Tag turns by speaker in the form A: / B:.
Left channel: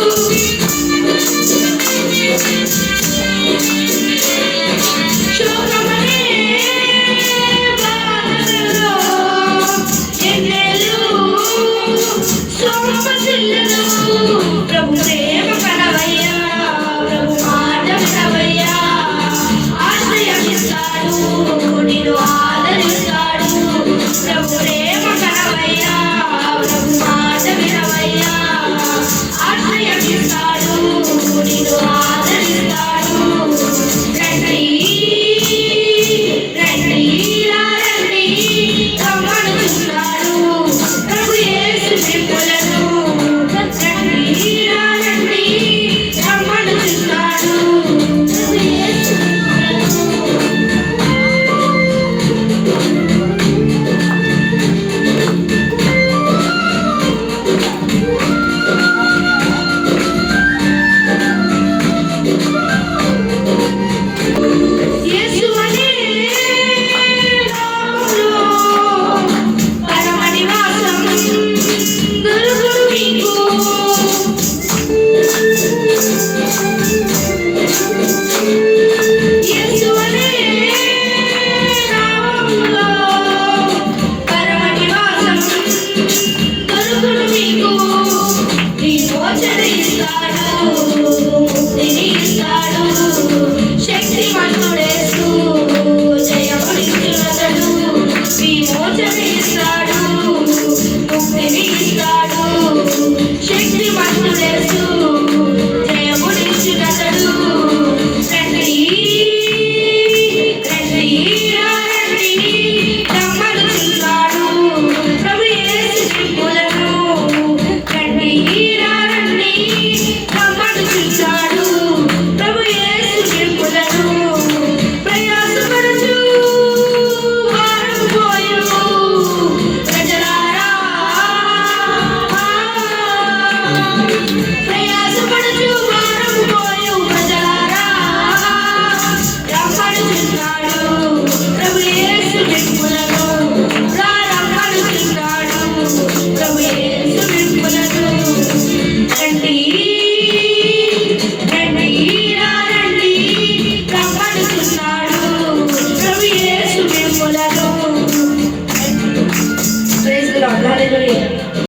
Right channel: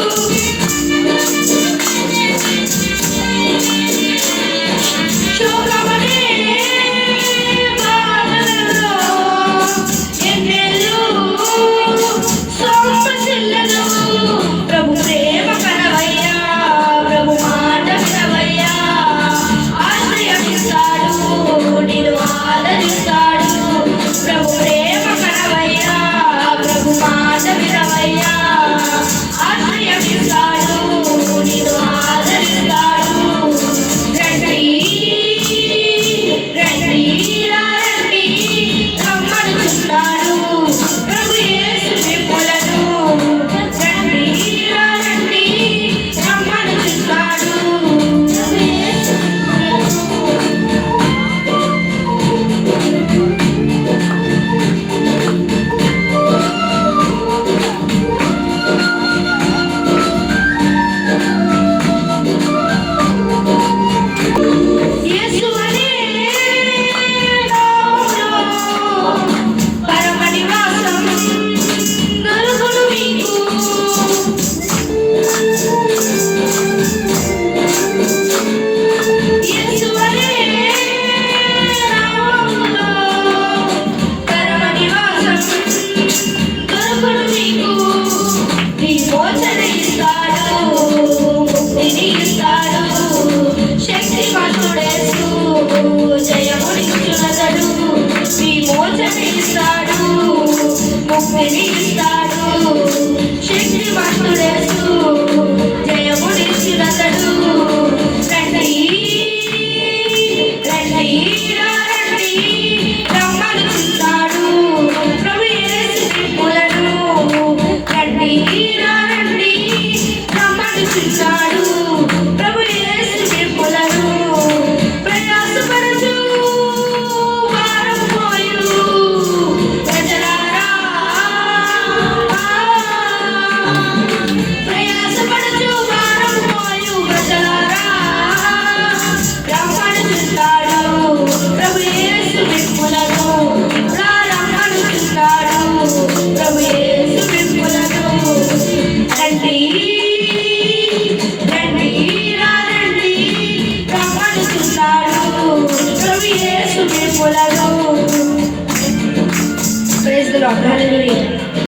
A: you.